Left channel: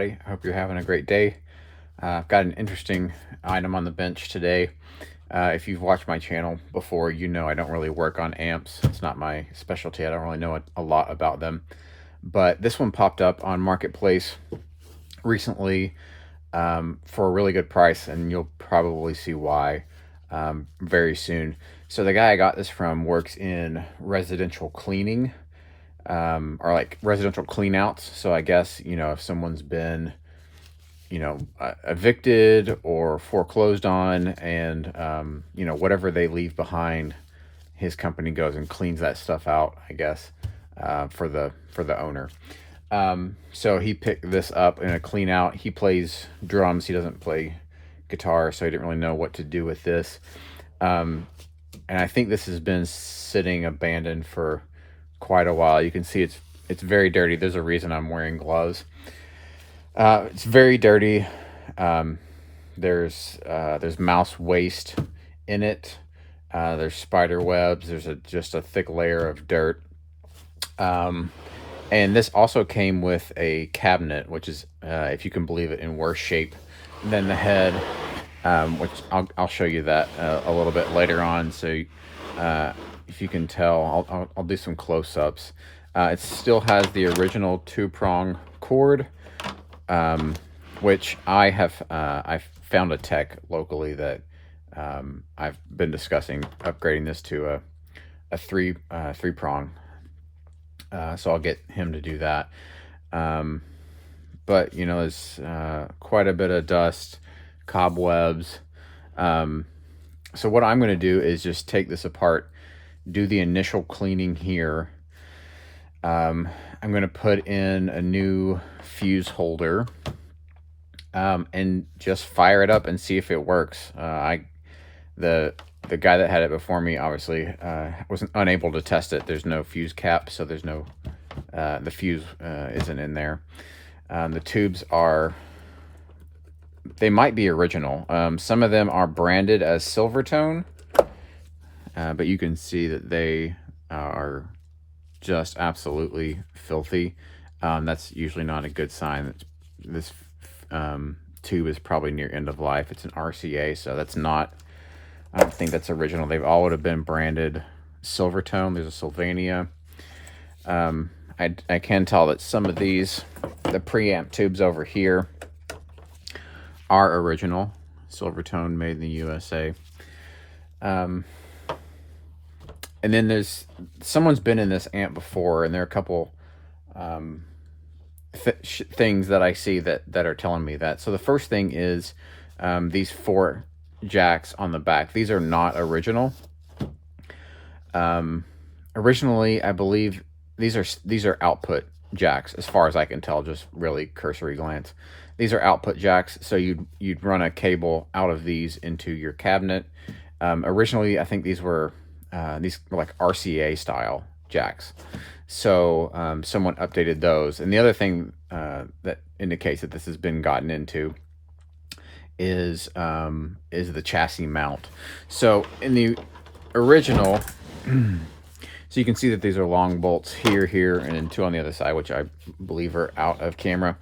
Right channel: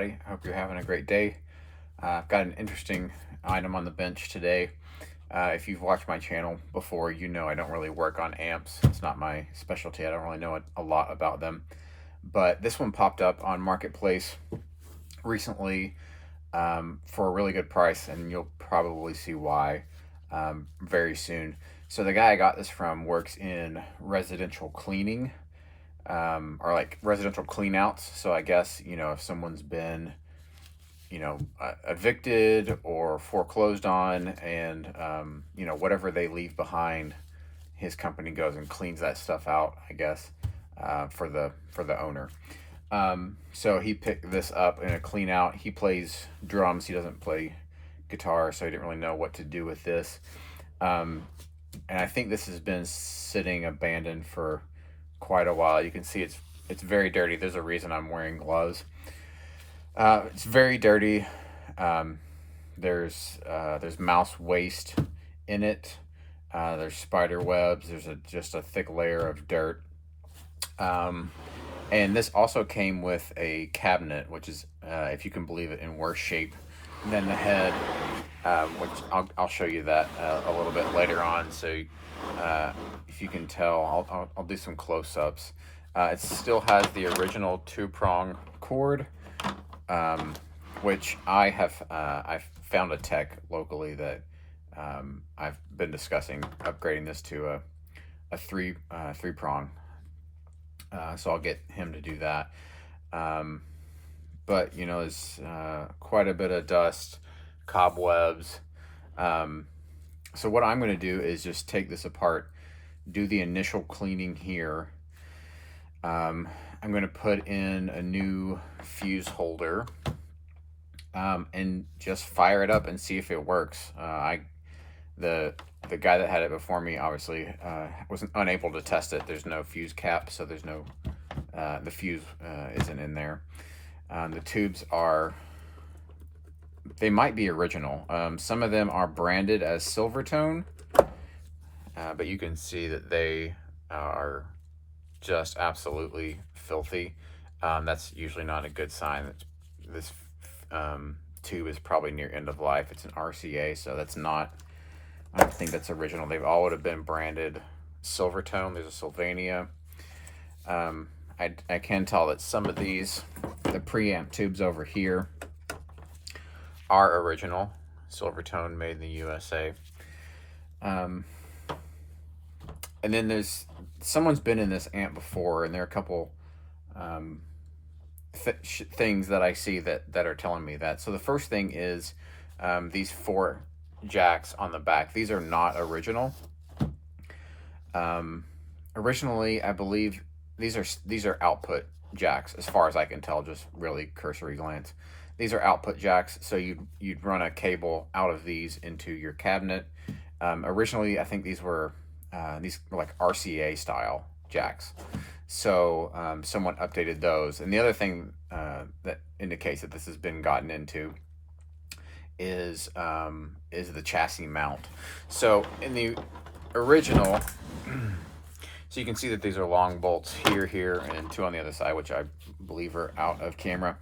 I hope you're having a great day. I've got an interesting item on the bench today. If you've watched my channel before, you know I don't really work on amps. It's not my specialty. I don't really know a lot about them. But this one popped up on Marketplace recently for a really good price, and you'll probably see why very soon. So the guy I got this from works in residential cleaning, or like residential cleanouts. So I guess, if someone's been, evicted or foreclosed on, and, whatever they leave behind, his company goes and cleans that stuff out, I guess, for the owner. So he picked this up in a clean out. He plays drums. He doesn't play guitar, so he didn't really know what to do with this. And I think this has been sitting abandoned for quite a while. You can see it's very dirty. There's a reason I'm wearing gloves. It's very dirty. There's mouse waste in it. There's spider webs. There's just a thick layer of dirt. And this also came with a cabinet, which is, if you can believe it, in worse shape than the head, which I'll show you that a little bit later on. So if you can tell, I'll do some close-ups. It still has the original 2-prong cord, which I've found a tech locally that I've been discussing upgrading this to a three-prong. So I'll get him to do that. But there's quite a bit of dust, cobwebs. So what I'm going to do is just take this apart, do the initial cleaning here. I'm going to put in a new fuse holder, and just fire it up and see if it works. The guy that had it before me obviously was unable to test it. There's no fuse cap, so there's no the fuse isn't in there. The tubes they might be original. Some of them are branded as Silvertone, but you can see that they are just absolutely filthy. That's usually not a good sign. This tube is probably near end of life. It's an RCA, so I don't think that's original. They all would have been branded Silvertone. There's a Sylvania. I can tell that some of these, the preamp tubes over here, are original. Silvertone, made in the USA. And then someone's been in this amp before, and there are a couple things that I see that are telling me that. So the first thing is these 4 jacks on the back. These are not original. Originally, I believe these are output jacks, as far as I can tell, just really cursory glance. These are output jacks, so you'd run a cable out of these into your cabinet. Originally, I think these were like RCA style jacks. So someone updated those. And the other thing that indicates that this has been gotten into is the chassis mount. So in the original, so you can see that these are long bolts here, and then 2 on the other side, which I believe are out of camera.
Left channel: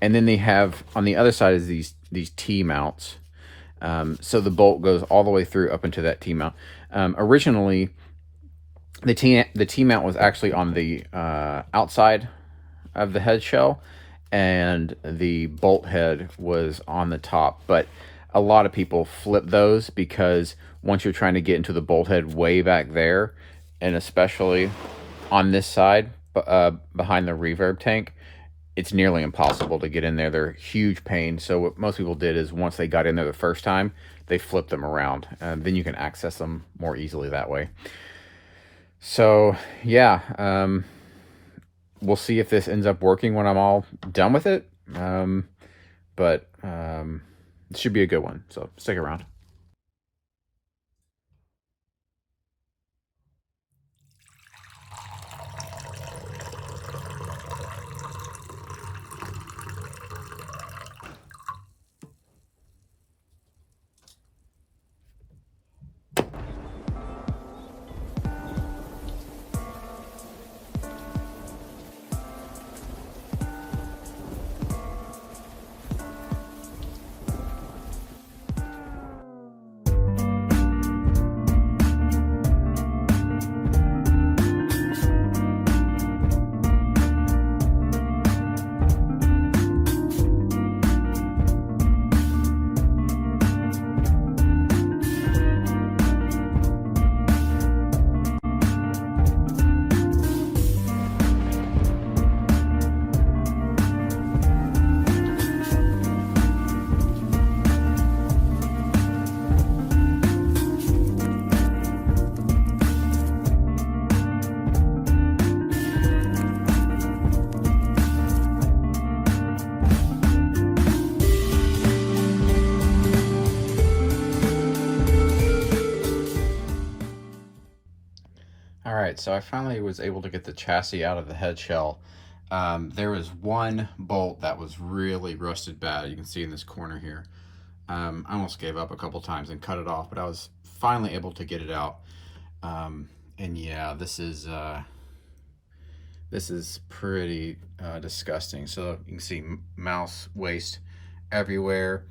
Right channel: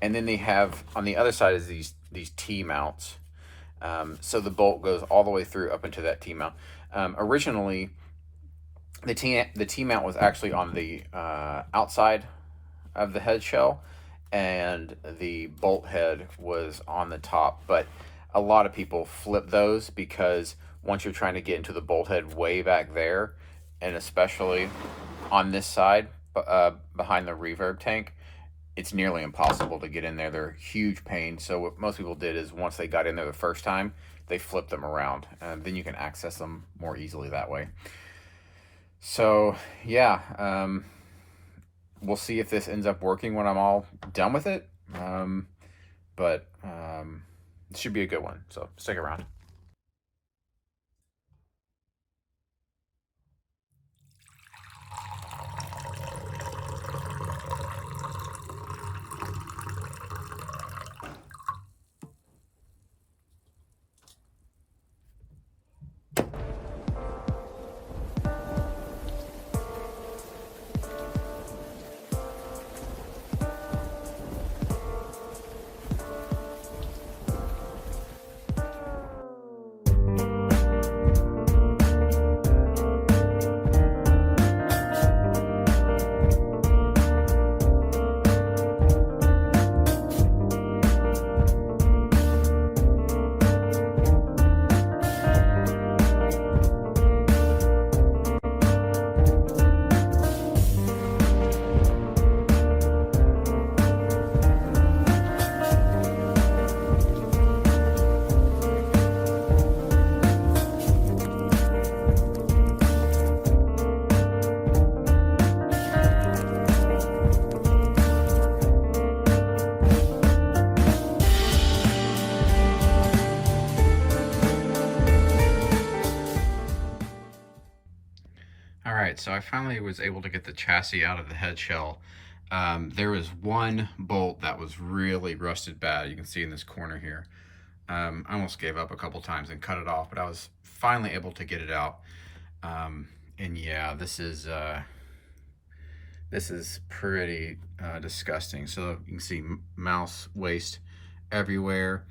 And then they have on the other side is these T-mounts. So the bolt goes all the way through up into that T-mount. Originally, the T-mount was actually on the outside of the head shell, and the bolt head was on the top. But a lot of people flip those, because once you're trying to get into the bolt head way back there, and especially on this side behind the reverb tank, it's nearly impossible to get in there. They're a huge pain. So what most people did is, once they got in there the first time, they flipped them around, and then you can access them more easily that way. So yeah, we'll see if this ends up working when I'm all done with it. But it should be a good one, so stick around. right, so I finally was able to get the chassis out of the head shell. There was one bolt that was really rusted bad. You can see in this corner here. I almost gave up a couple times and cut it off, but I was finally able to get it out. And yeah, this is pretty disgusting. So you can see mouse waste everywhere.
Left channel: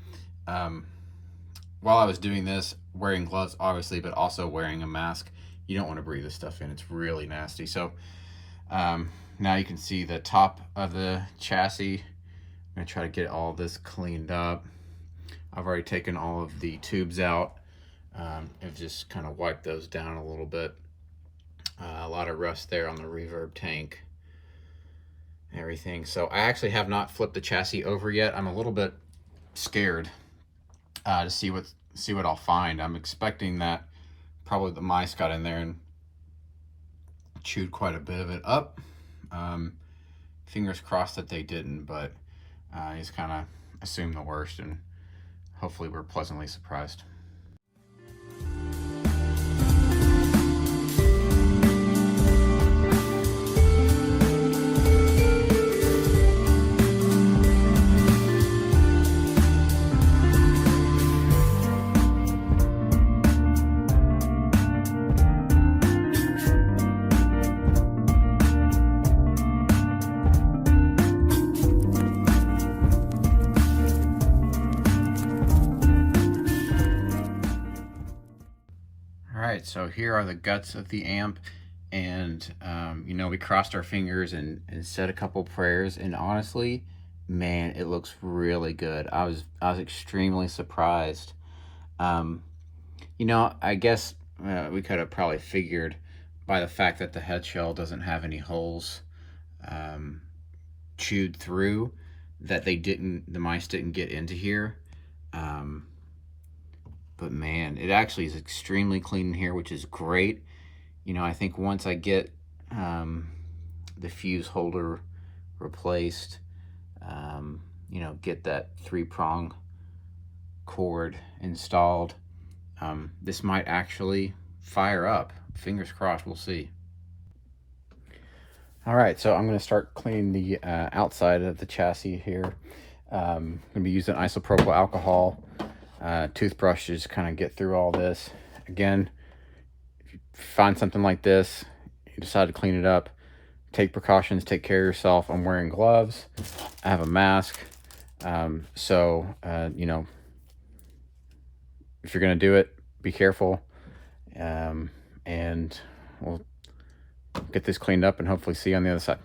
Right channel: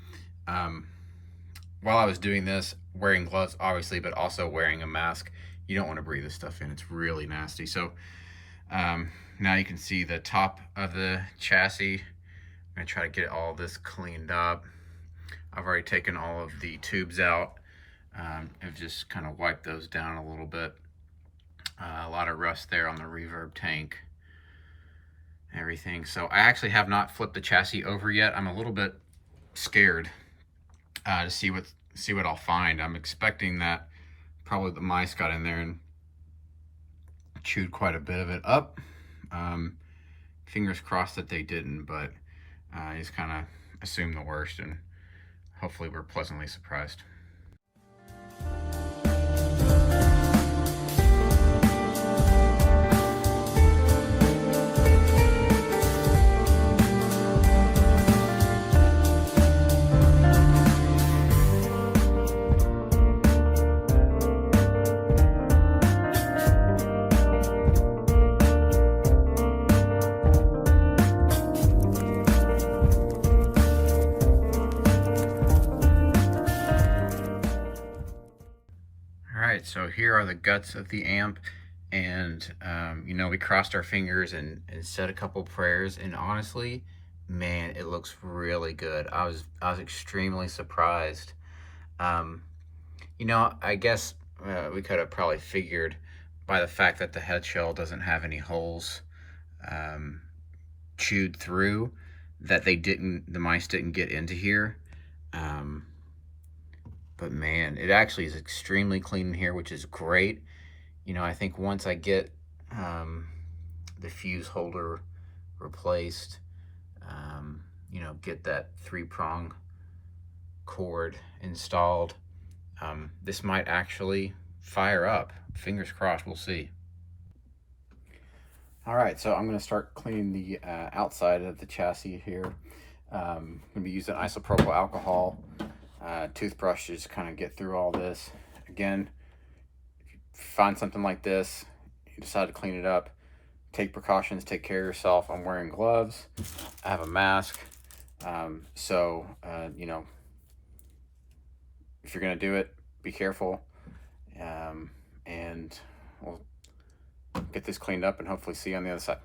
While I was doing this, wearing gloves obviously, but also wearing a mask, you don't want to breathe this stuff in. It's really nasty. So now you can see the top of the chassis. I'm gonna try to get all this cleaned up. I've already taken all of the tubes out. I've just kind of wiped those down a little bit. A lot of rust there on the reverb tank and everything. So I actually have not flipped the chassis over yet. I'm a little bit scared to see what I'll find. I'm expecting that probably the mice got in there and chewed quite a bit of it up. Fingers crossed that they didn't, but I just kind of assume the worst, and hopefully we're pleasantly surprised. Alright, so here are the guts of the amp, and you know, we crossed our fingers and said a couple prayers, and honestly, man, it looks really good. I was extremely surprised. You know, I guess we could have probably figured by the fact that the head shell doesn't have any holes chewed through, that the mice didn't get into here. But man, it actually is extremely clean in here, which is great. You know, I think once I get the fuse holder replaced, you know, get that 3-prong cord installed, this might actually fire up. Fingers crossed, we'll see. All right, so I'm gonna start cleaning the outside of the chassis here. I'm gonna be using isopropyl alcohol. Toothbrush to just kind of get through all this. Again, if you find something like this, you decide to clean it up, take precautions, take care of yourself. I'm wearing gloves, I have a mask, so you know, if you're gonna do it, be careful, and we'll get this cleaned up and hopefully see you on the other side.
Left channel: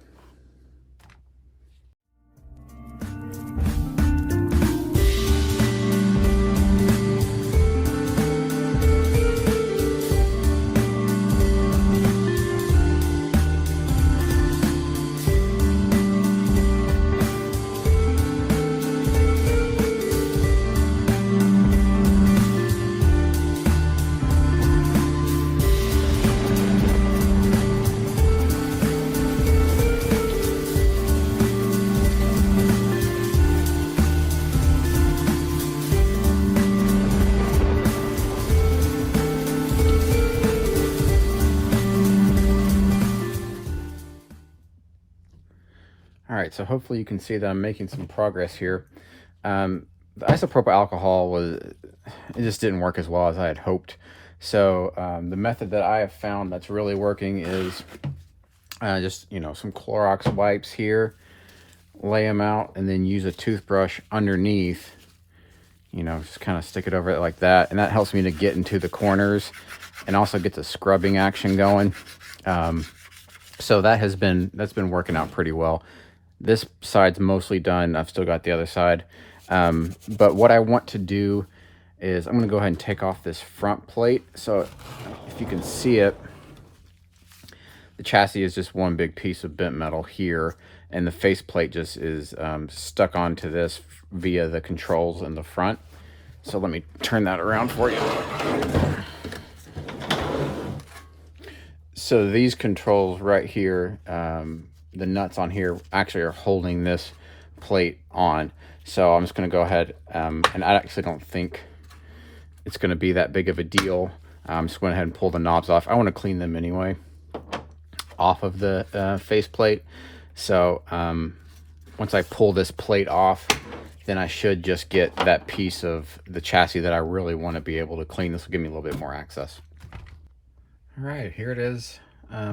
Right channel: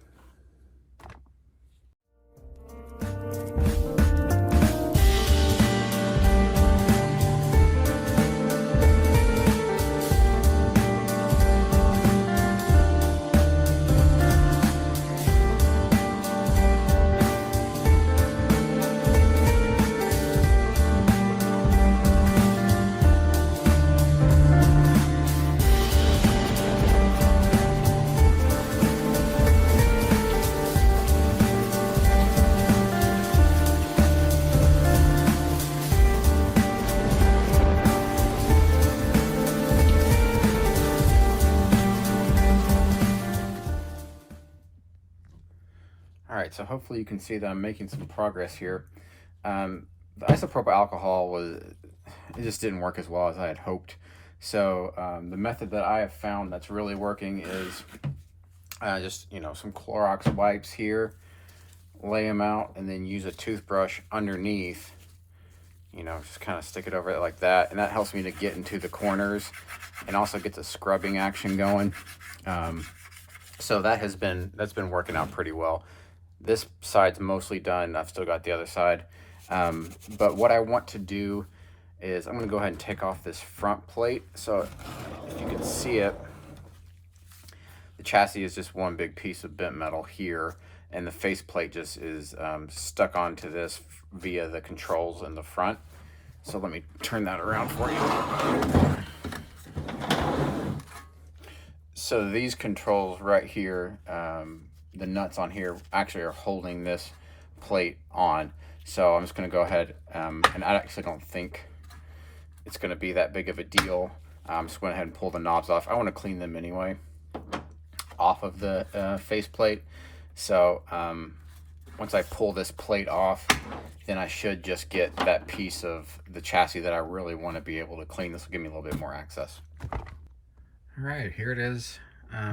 Alright, so hopefully you can see that I'm making some progress here. The isopropyl alcohol it just didn't work as well as I had hoped. So the method that I have found that's really working is just, you know, some Clorox wipes here, lay them out, and then use a toothbrush underneath, you know, just kind of stick it over it like that, and that helps me to get into the corners and also get the scrubbing action going. So that's been working out pretty well. This side's mostly done. I've still got the other side. But what I want to do is I'm going to go ahead and take off this front plate. So if you can see it, the chassis is just one big piece of bent metal here, and the faceplate just is stuck onto this via the controls in the front. So let me turn that around for you. So these controls right here, the nuts on here actually are holding this plate on. So I'm just going to go ahead, and I actually don't think it's going to be that big of a deal. I'm just going ahead and pull the knobs off. I want to clean them anyway. off of the faceplate. So once I pull this plate off, then I should just get that piece of the chassis that I really want to be able to clean. This will give me a little bit more access. All right, here it is.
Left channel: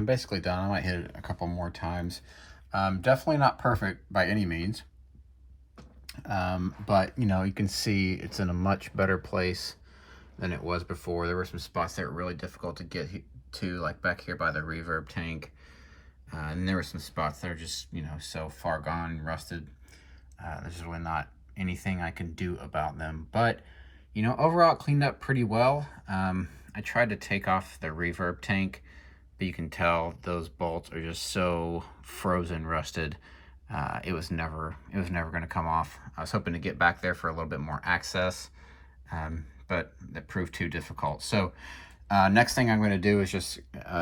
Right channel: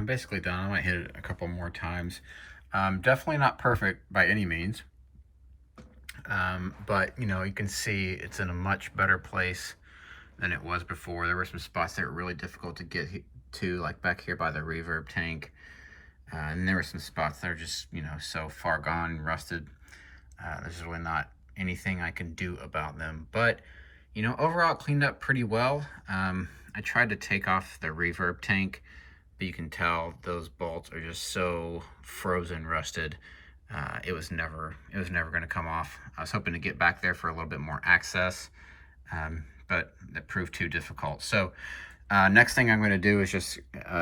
Basically done. I might hit it a couple more times. Definitely not perfect by any means. But you know, you can see it's in a much better place than it was before. There were some spots that were really difficult to get to, like back here by the reverb tank. And there were some spots that are just, you know, so far gone, rusted. There's really not anything I can do about them. But, you know, overall it cleaned up pretty well. I tried to take off the reverb tank, but you can tell those bolts are just so frozen, rusted. It was never going to come off. I was hoping to get back there for a little bit more access, but that proved too difficult. So next thing I'm going to do is just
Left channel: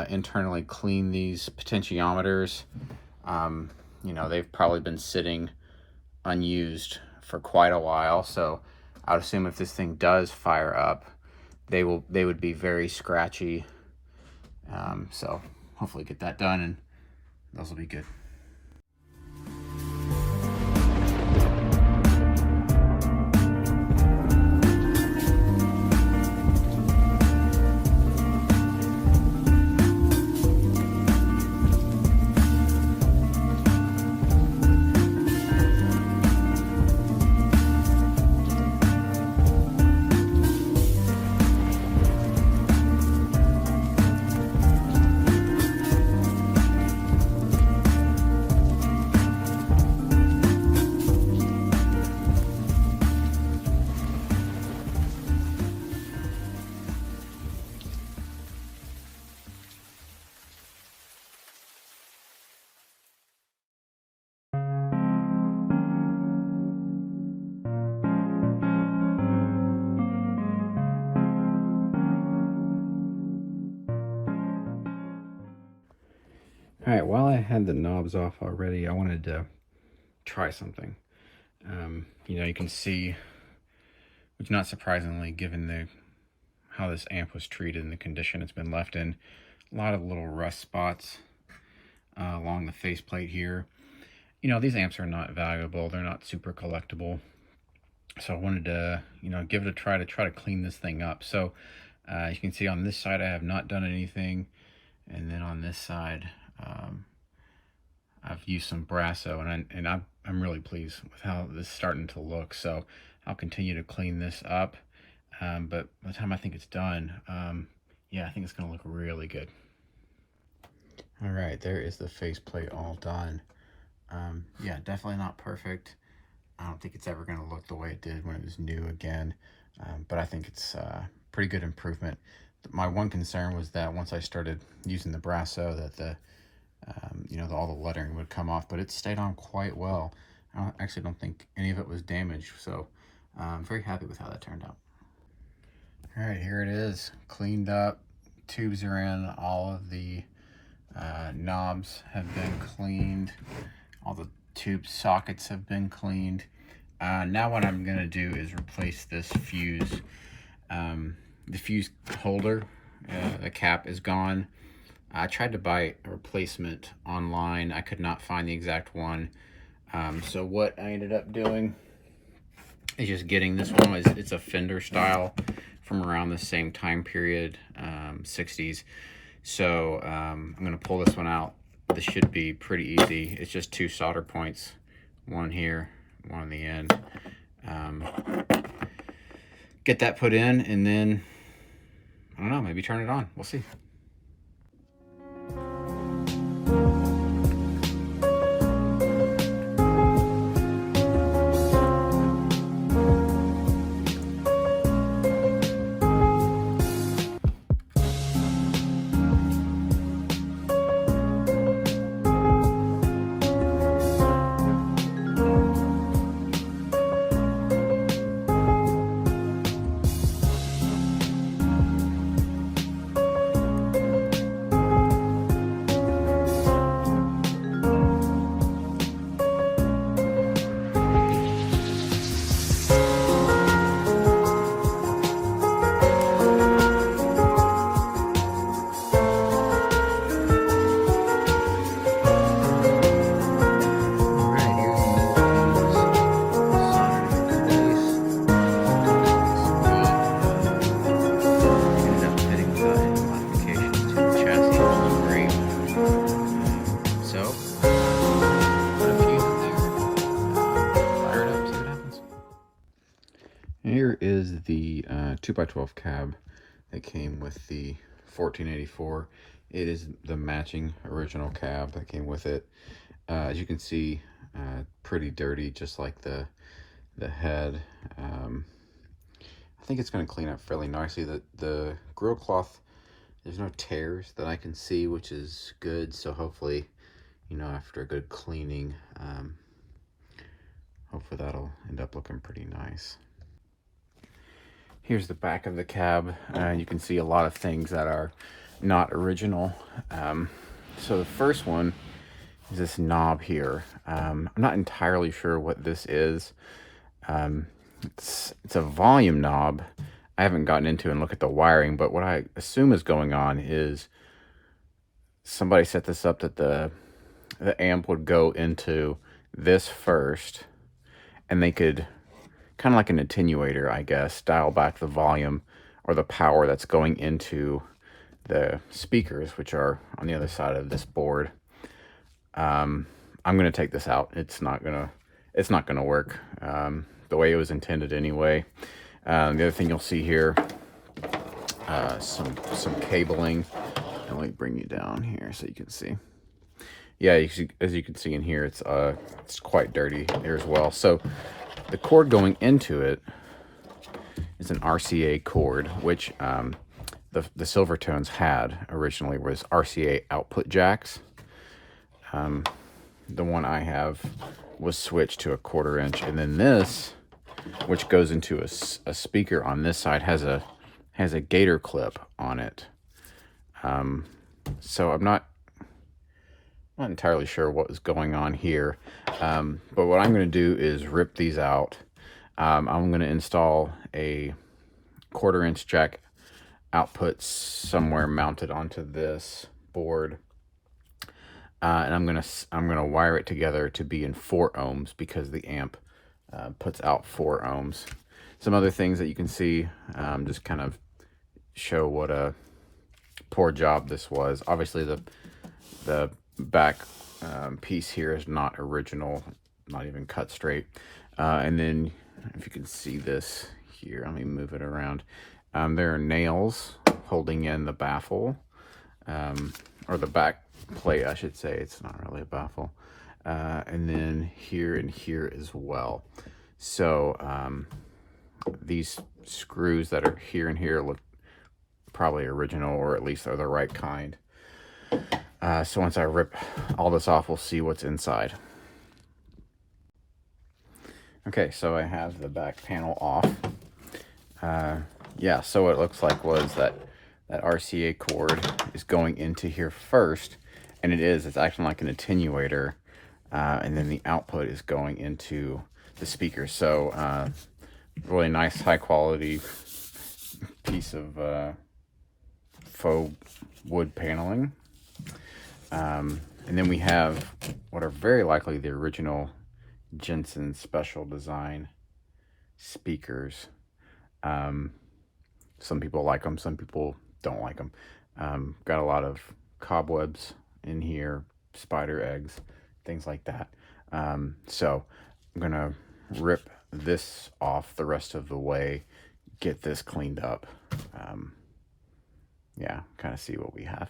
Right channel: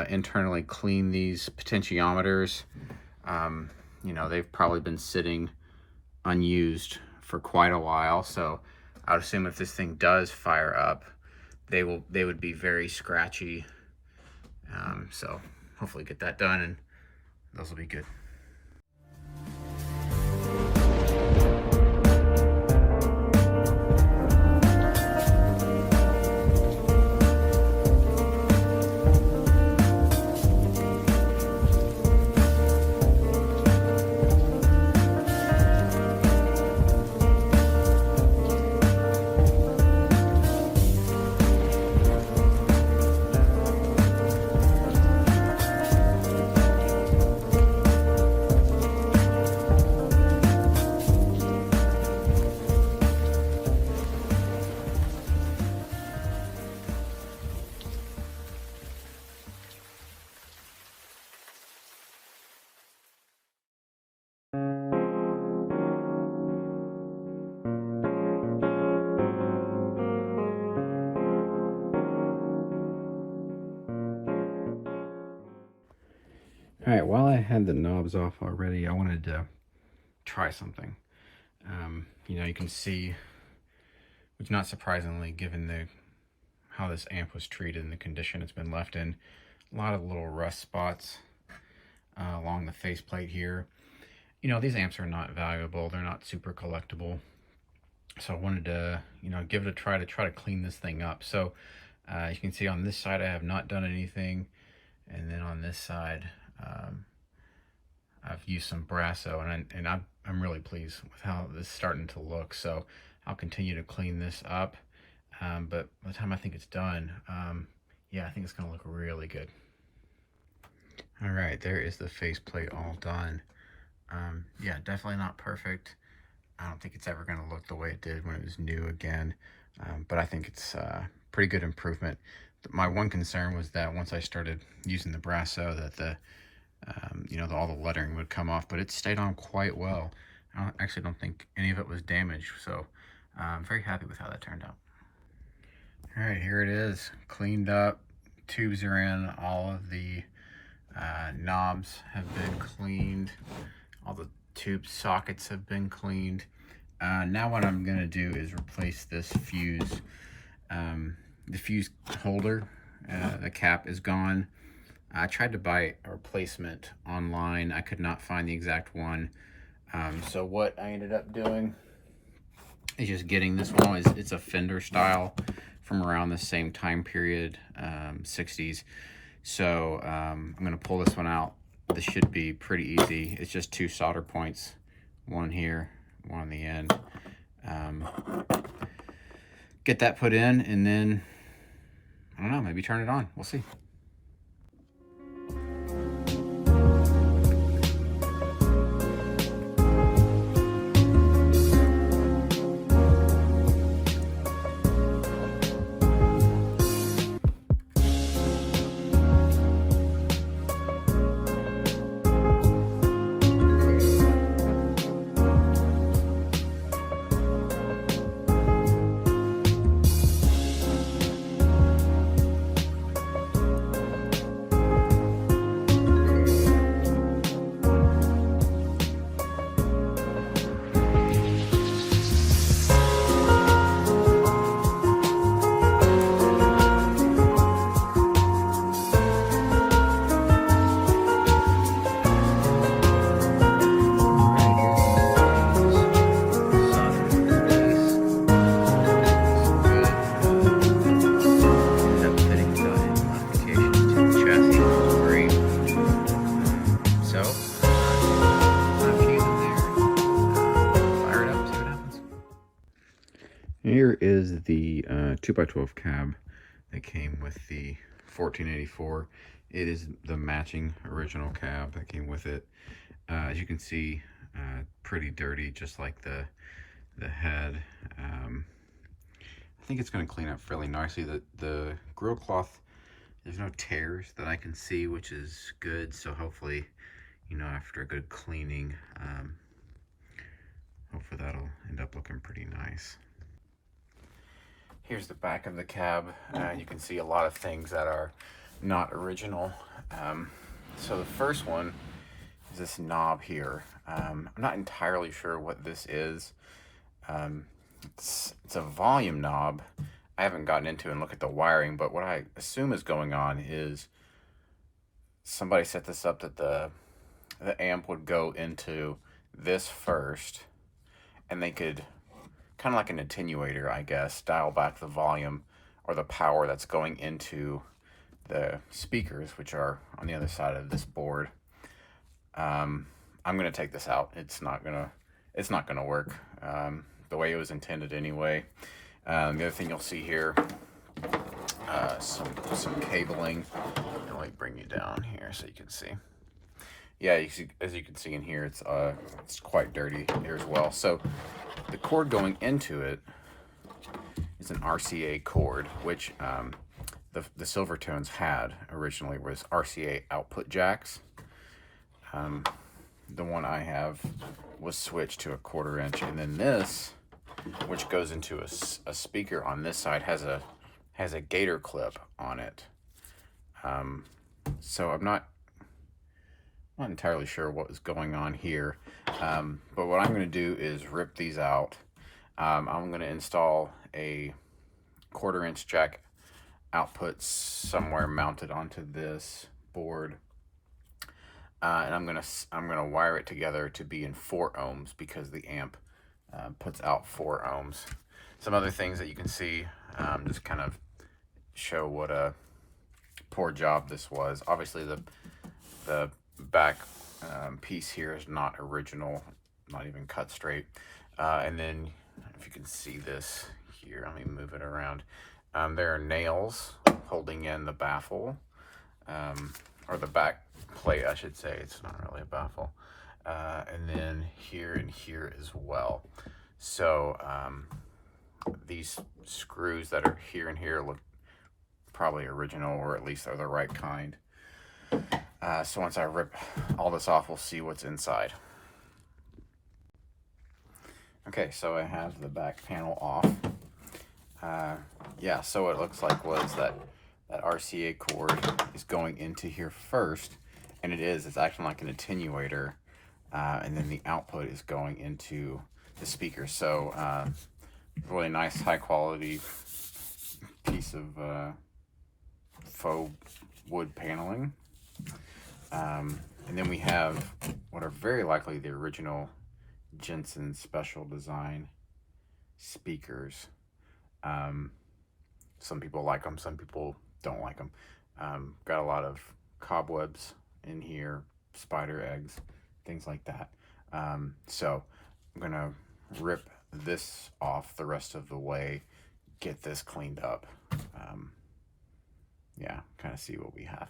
internally clean these potentiometers. You know, they've probably been sitting unused for quite a while, so I would assume if this thing does fire up, they would be very scratchy. So hopefully get that done and those will be good. All right, while I had the knobs off already, I wanted to try something. You know, you can see, which not surprisingly, given how this amp was treated and the condition it's been left in, a lot of little rust spots along the faceplate here. You know, these amps are not valuable. They're not super collectible. So I wanted to, you know, give it a try to clean this thing up. So you can see on this side, I have not done anything. And then on this side, I've used some Brasso, and I'm really pleased with how this is starting to look. So I'll continue to clean this up, but by the time I think it's done, yeah, I think it's gonna look really good. All right, there is the faceplate all done. Yeah, definitely not perfect. I don't think it's ever gonna look the way it did when it was new again, but I think it's pretty good improvement. My one concern was that once I started using the Brasso, that you know, all the lettering would come off, but it stayed on quite well. I actually don't think any of it was damaged, so I'm very happy with how that turned out. All right, here it is, cleaned up. Tubes are in, all of the knobs have been cleaned, all the tube sockets have been cleaned. Now what I'm gonna do is replace this fuse. The fuse holder, the cap is gone. I tried to buy a replacement online. I could not find the exact one. So what I ended up doing is just getting this one. It's a Fender style from around the same time period, 60s. So I'm gonna pull this one out. This should be pretty easy. It's just 2 solder points, one here, one on the end. Get that put in, and then, I don't know, maybe turn it on. We'll see. here is the 2x12 cab that came with the 1484. It is the matching original cab that came with it. As you can see, pretty dirty, just like the head. I think it's going to clean up fairly nicely. The grill cloth, there's no tears that I can see, which is good. So hopefully, you know, after a good cleaning, hopefully that'll end up looking pretty nice. Here's the back of the cab. You can see a lot of things that are not original. So the first one is this knob here. I'm not entirely sure what this is. It's a volume knob. I haven't gotten into and looked at the wiring, but what I assume is going on is somebody set this up that the amp would go into this first, and they could, kind of like an attenuator, I guess, dial back the volume or the power that's going into the speakers, which are on the other side of this board. I'm gonna take this out. It's not gonna work the way it was intended anyway. The other thing you'll see here, some cabling. Let me bring you down here so you can see. Yeah, as you can see in here, it's quite dirty here as well. So the cord going into it is an RCA cord, which the Silvertones had originally was RCA output jacks. The one I have was switched to a 1/4 inch, and then this, which goes into a speaker on this side, has a gator clip on it. So I'm not entirely sure what was going on here, but what I'm going to do is rip these out. I'm going to install a 1/4 inch jack output somewhere mounted onto this board, and I'm gonna wire it together to be in 4 ohms because the amp puts out 4 ohms. Some other things that you can see, just kind of show what a poor job this was. Obviously the back piece here is not original, not even cut straight. And then if you can see this here, let me move it around. There are nails holding in the baffle, or the back plate, I should say. It's not really a baffle. And then here and here as well. So these screws that are here and here look probably original, or at least they're the right kind. So once I rip all this off, we'll see what's inside. Okay, so I have the back panel off. Yeah, so what it looks like was that RCA cord is going into here first, and it's acting like an attenuator, and then the output is going into the speaker. So really nice, high quality piece of faux wood paneling. And then we have what are very likely the original Jensen special design speakers. Some people like them, some people don't like them. Got a lot of cobwebs in here, spider eggs, things like that. So I'm gonna rip this off the rest of the way, get this cleaned up. Yeah, kind of see what we have.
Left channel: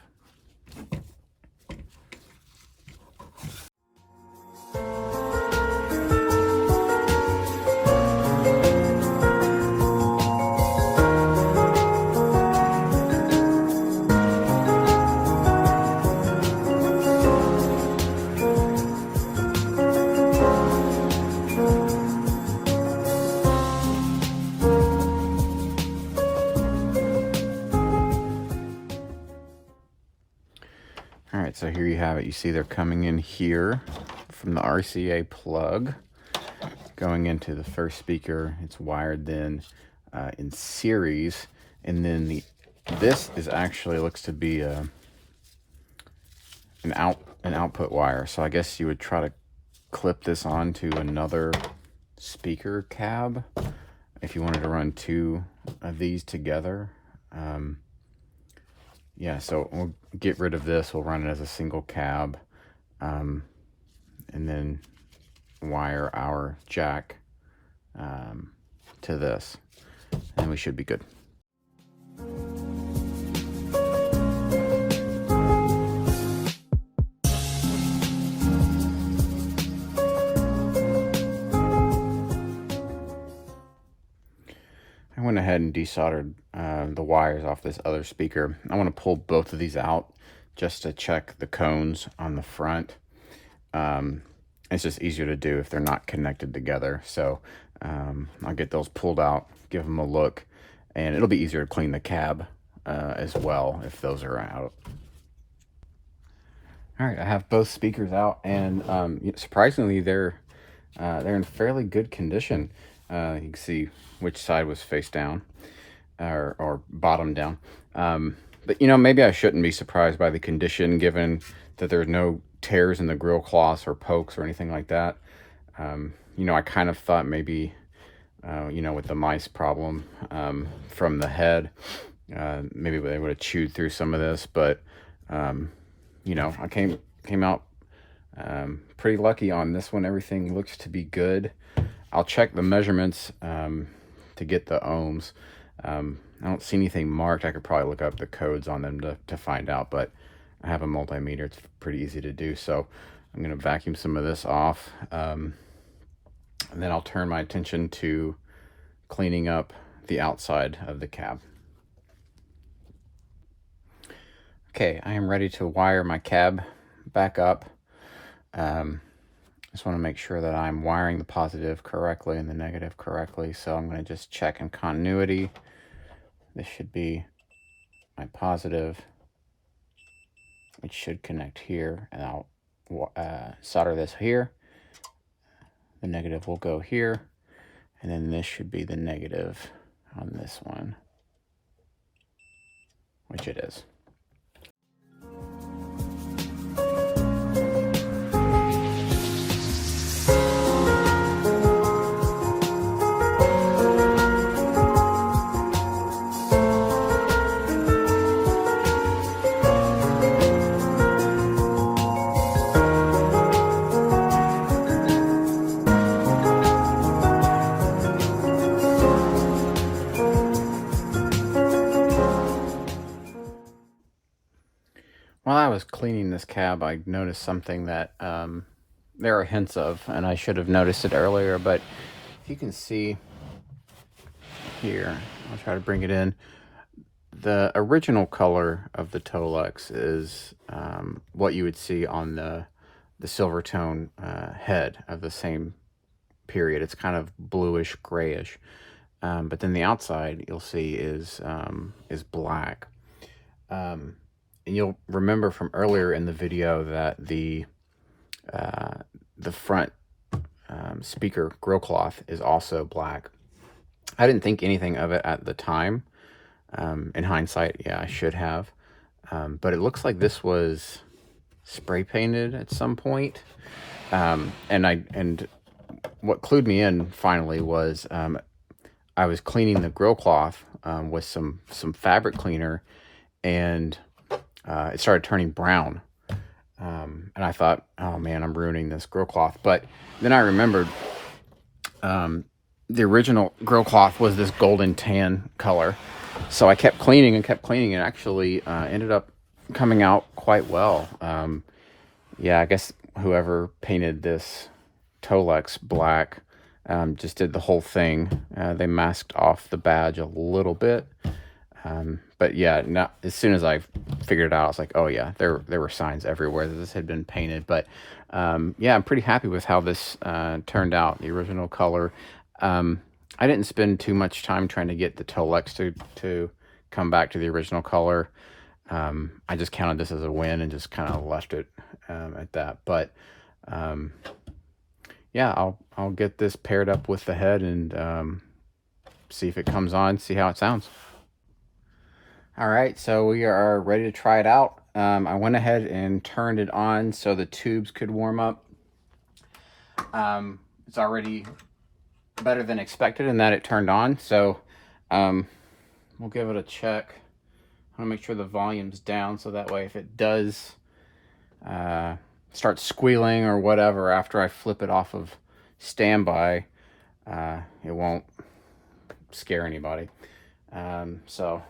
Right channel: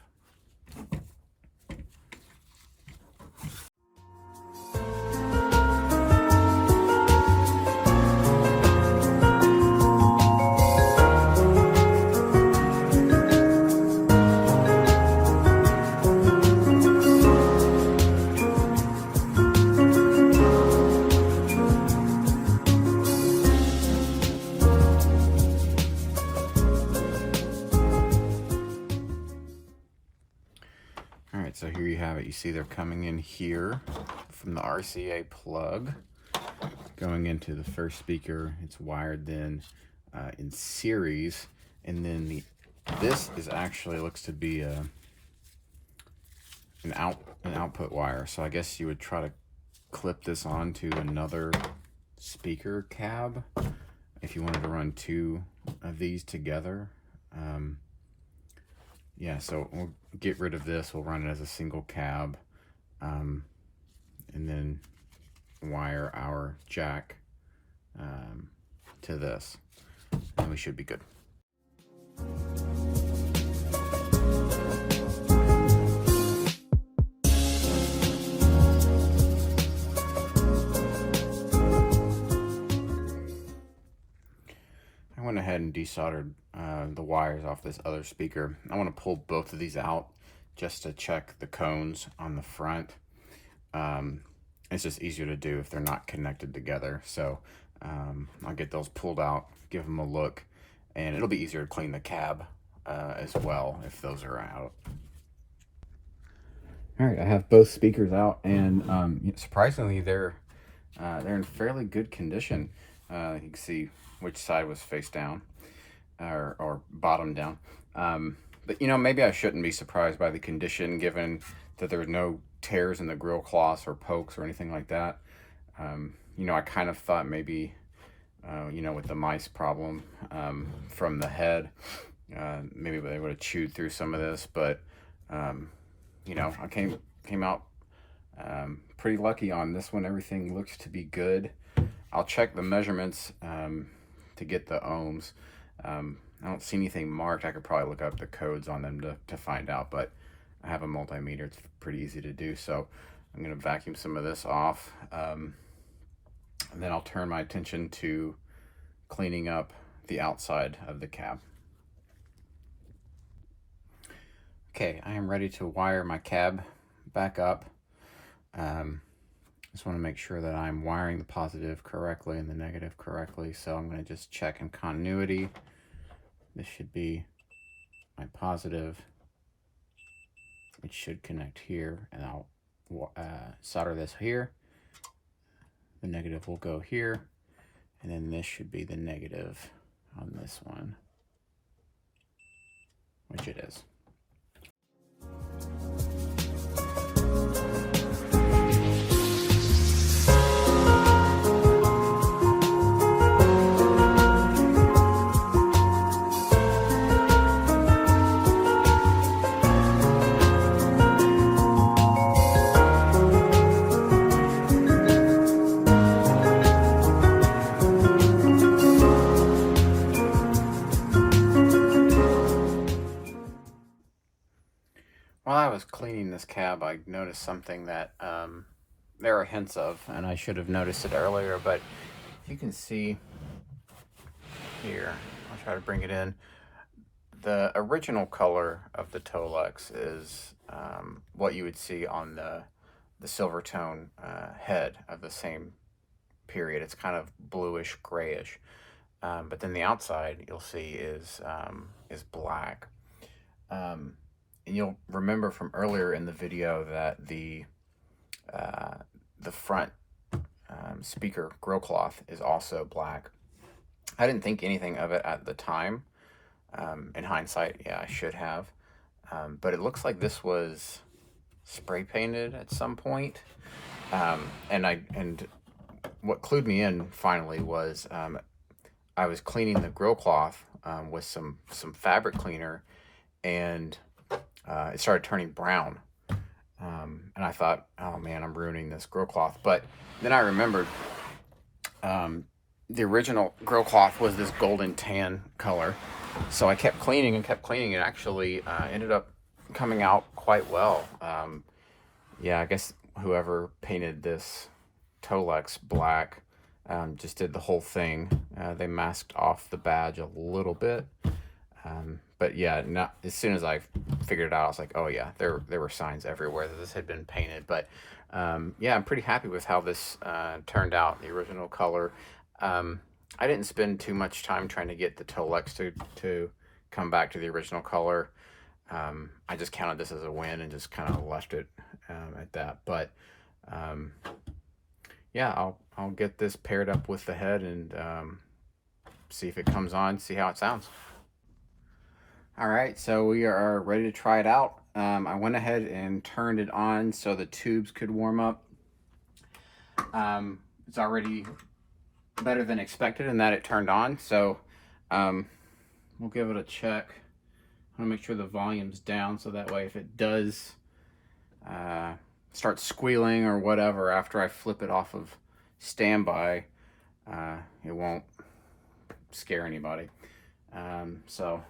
All right, so here you have it. You see they're coming in here from the RCA plug, going into the first speaker. It's wired then in series, and then this is actually looks to be an output wire. So I guess you would try to clip this onto another speaker cab if you wanted to run 2 of these together. Yeah, so we'll get rid of this. We'll run it as a single cab, and then wire our jack to this. and we should be good. I went ahead and desoldered the wires off this other speaker. I want to pull both of these out just to check the cones on the front. It's just easier to do if they're not connected together. So I'll get those pulled out, give them a look, and it'll be easier to clean the cab as well if those are out. All right, I have both speakers out, and surprisingly, they're in fairly good condition. You can see which side was face down or bottom down. But maybe I shouldn't be surprised by the condition, given that there's no tears in the grill cloths or pokes or anything like that. I kind of thought maybe, with the mice problem from the head, maybe they would have chewed through some of this, but I came out pretty lucky on this one. Everything looks to be good. I'll check the measurements to get the ohms. I don't see anything marked. I could probably look up the codes on them to find out, but I have a multimeter. It's pretty easy to do. So I'm going to vacuum some of this off. And then I'll turn my attention to cleaning up the outside of the cab. Okay, I am ready to wire my cab back up. Just want to make sure that I'm wiring the positive correctly and the negative correctly. So I'm going to just check in continuity. This should be my positive, which should connect here, and I'll solder this here. The negative will go here, and then this should be the negative on this one, which it is. While I was cleaning this cab, I noticed something that there are hints of, and I should have noticed it earlier, but you can see here, I'll try to bring it in. The original color of the Tolex is what you would see on the Silvertone head of the same period. It's kind of bluish grayish, but then the outside you'll see is black. And you'll remember from earlier in the video that the front speaker grill cloth is also black. I didn't think anything of it at the time. In hindsight, yeah, I should have. But it looks like this was spray painted at some point. And what clued me in finally was I was cleaning the grill cloth with some fabric cleaner, and it started turning brown. And I thought, oh man, I'm ruining this grill cloth. But then I remembered the original grill cloth was this golden tan color. So I kept cleaning and kept cleaning, and actually ended up coming out quite well. Yeah, I guess whoever painted this Tolex black just did the whole thing. They masked off the badge a little bit. But yeah, as soon as I figured it out, I was like, oh yeah, there were signs everywhere that this had been painted. But yeah, I'm pretty happy with how this turned out. The original color. I didn't spend too much time trying to get the Tolex to come back to the original color. I just counted this as a win and just kind of left it at that. But yeah, I'll get this paired up with the head and see if it comes on, see how it sounds. All right, so we are ready to try it out. I went ahead and turned it on so the tubes could warm up. It's already better than expected in that it turned on, so we'll give it a check. I want to make sure the volume's down, so that way if it does start squealing or whatever after I flip it off of standby, it won't scare anybody. So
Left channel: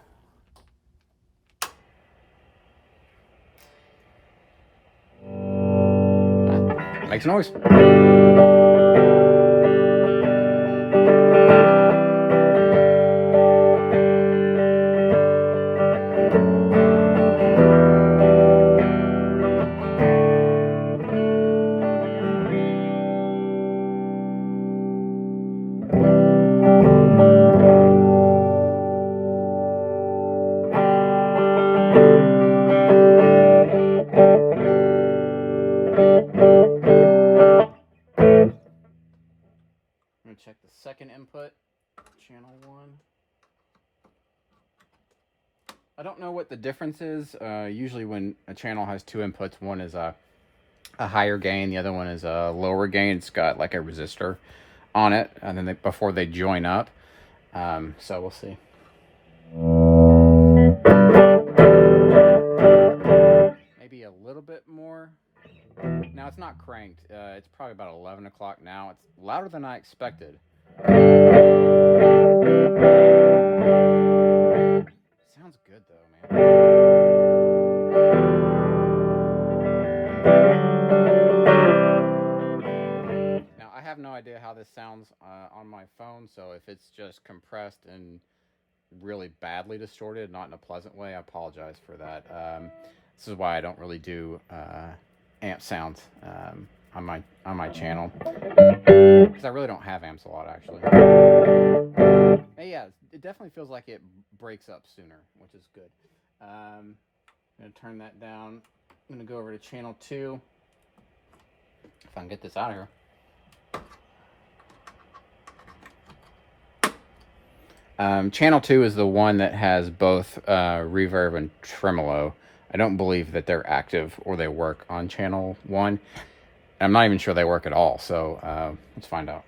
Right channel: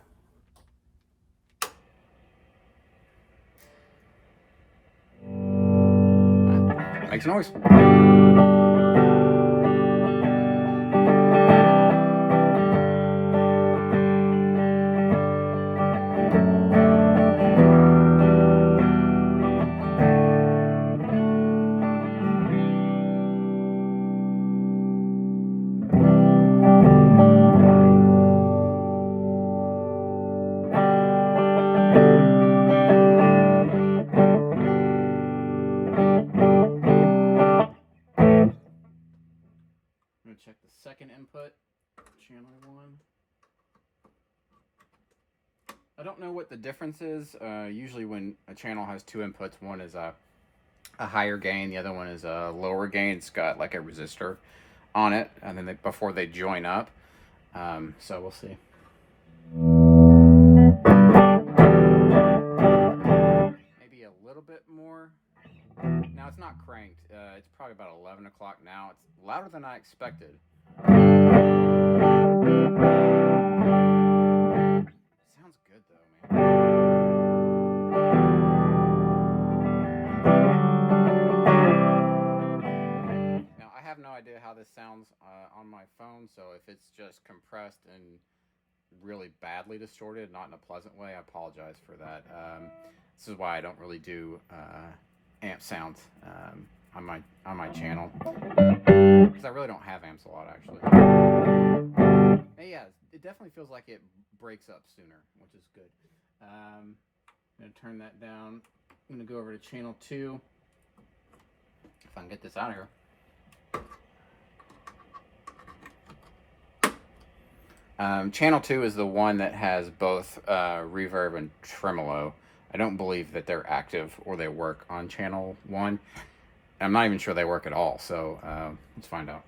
makes noise. I'm going to check the second input, channel 1. I don't know what the difference is. Usually when a channel has two inputs, one is a higher gain, the other one is a lower gain. It's got like a resistor on it, and then before they join up. So we'll see. Maybe a little bit more. Now it's not cranked. It's probably about 11 o'clock now. It's louder than I expected. Sounds good though, man. Now I have no idea how this sounds on my phone, so if it's just compressed and really badly distorted, not in a pleasant way, I apologize for that. This is why I don't really do amp sounds on my channel, because I really don't have amps a lot, actually. And yeah, it definitely feels like it breaks up sooner, which is good. I'm gonna turn that down. I'm gonna go over to channel 2 if I can get this out of here. Channel 2 is the one that has both reverb and tremolo. I don't believe that they're active or they work on channel 1. I'm not even sure they work at all, so let's find out.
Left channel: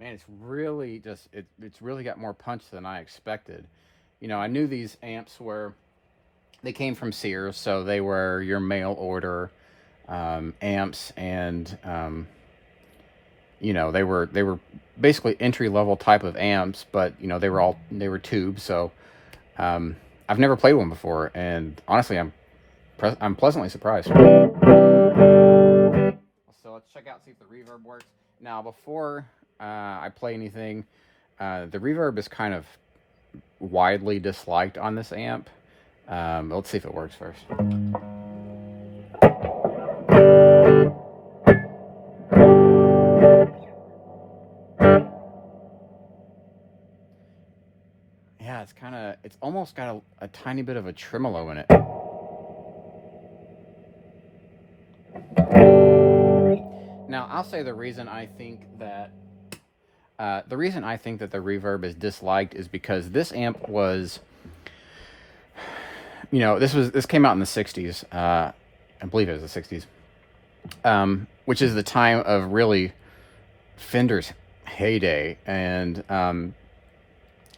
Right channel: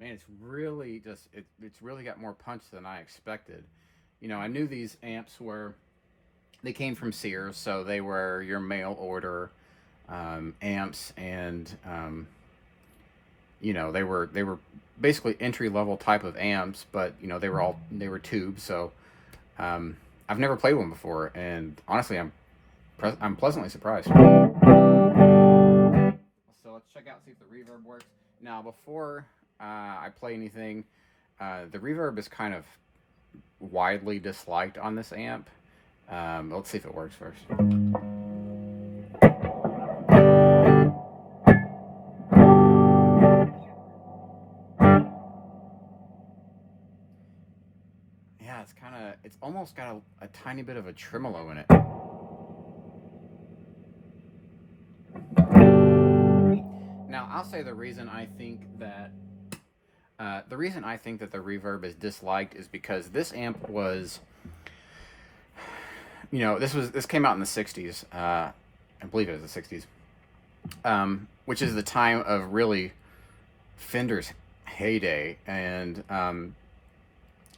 It's really just it's really got more punch than I expected. You know, I knew these amps they came from Sears, so they were your mail order amps, and you know, they were basically entry level type of amps, but you know, they were tubes. So I've never played one before, and honestly, I'm pleasantly surprised. So let's check out, see if the reverb works. Now, before I play anything, the reverb is kind of widely disliked on this amp. Let's see if it works first. Yeah, it's almost got a tiny bit of a tremolo in it. Now, I'll say the reason I think that the reverb is disliked is because this amp was, you know, this came out in the 60s. I believe it was the 60s, which is the time of really Fender's heyday, and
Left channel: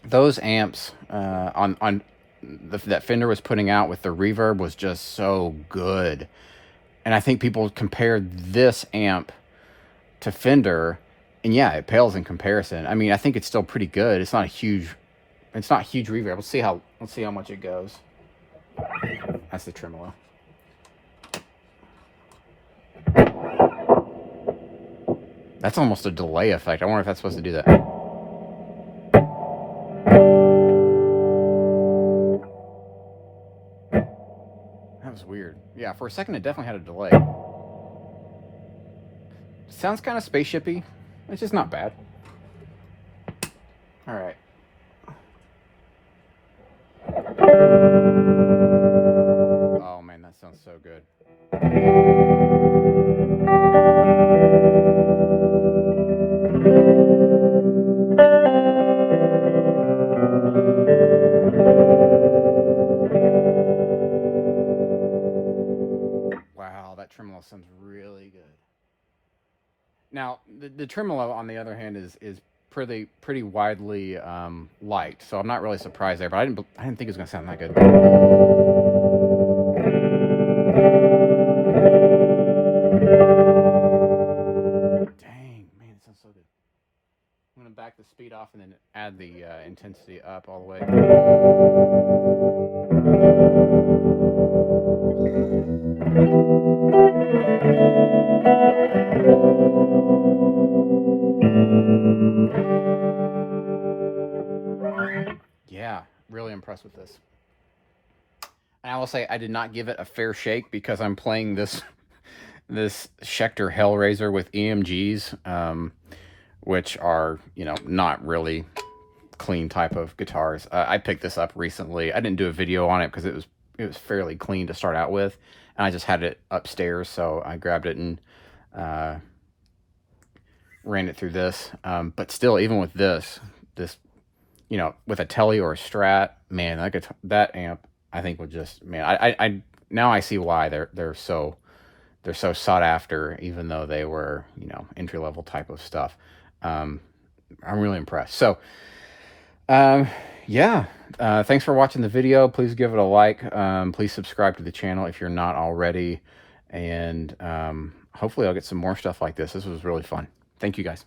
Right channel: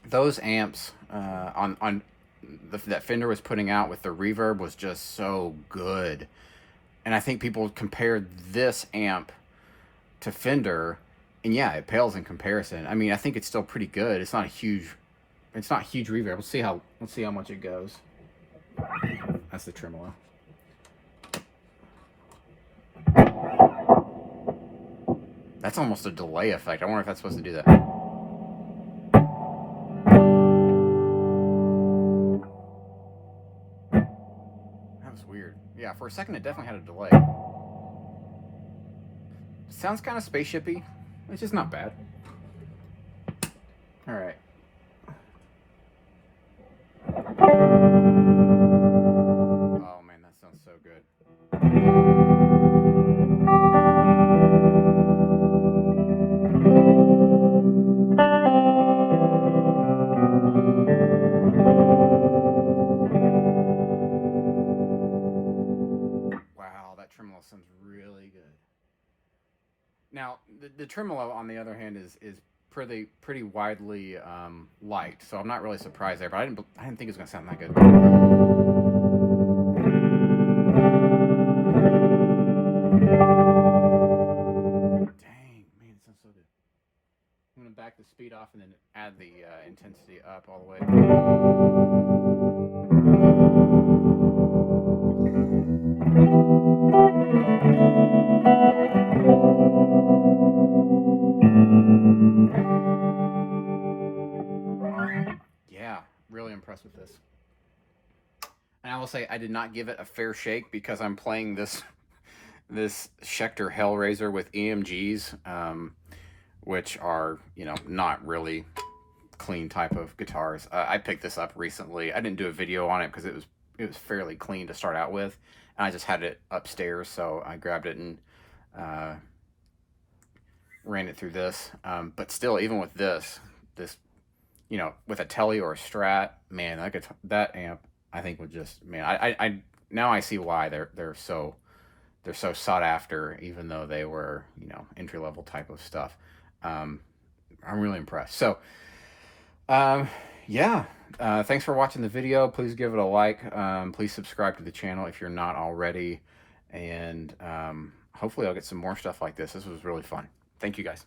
those amps that Fender was putting out with the reverb was just so good. And I think people compared this amp to Fender, and yeah, it pales in comparison. I mean, I think it's still pretty good. It's not huge reverb. Let's see how much it goes. That's the tremolo. That's almost a delay effect. I wonder if that's supposed to do that. That was weird. Yeah, for a second it definitely had a delay. Sounds kind of spaceshipy. It's just not bad. All right. Oh man, that sounds so good. Wow, that tremolo sounds really Now the tremolo, on the other hand, is pretty widely liked, so I'm not really surprised there. But I didn't think it was gonna sound that good. Dang, man, it sounds so good. I'm gonna back the speed off and then add the intensity up all the way. Yeah, really impressed with this. And I will say I did not give it a fair shake because I'm playing this Schecter Hellraiser with EMGs, which are not really clean type of guitars. I picked this up recently. I didn't do a video on it because it was fairly clean to start out with, and I just had it upstairs, so I grabbed it and ran it through this. But still, even with this, with a Tele or a Strat, man, that amp, I think would just, man, I now I see why they're so sought after, even though they were entry level type of stuff. I'm really impressed. So, yeah, thanks for watching the video. Please give it a like. Please subscribe to the channel if you're not already, and hopefully I'll get some more stuff like this. This was really fun. Thank you guys.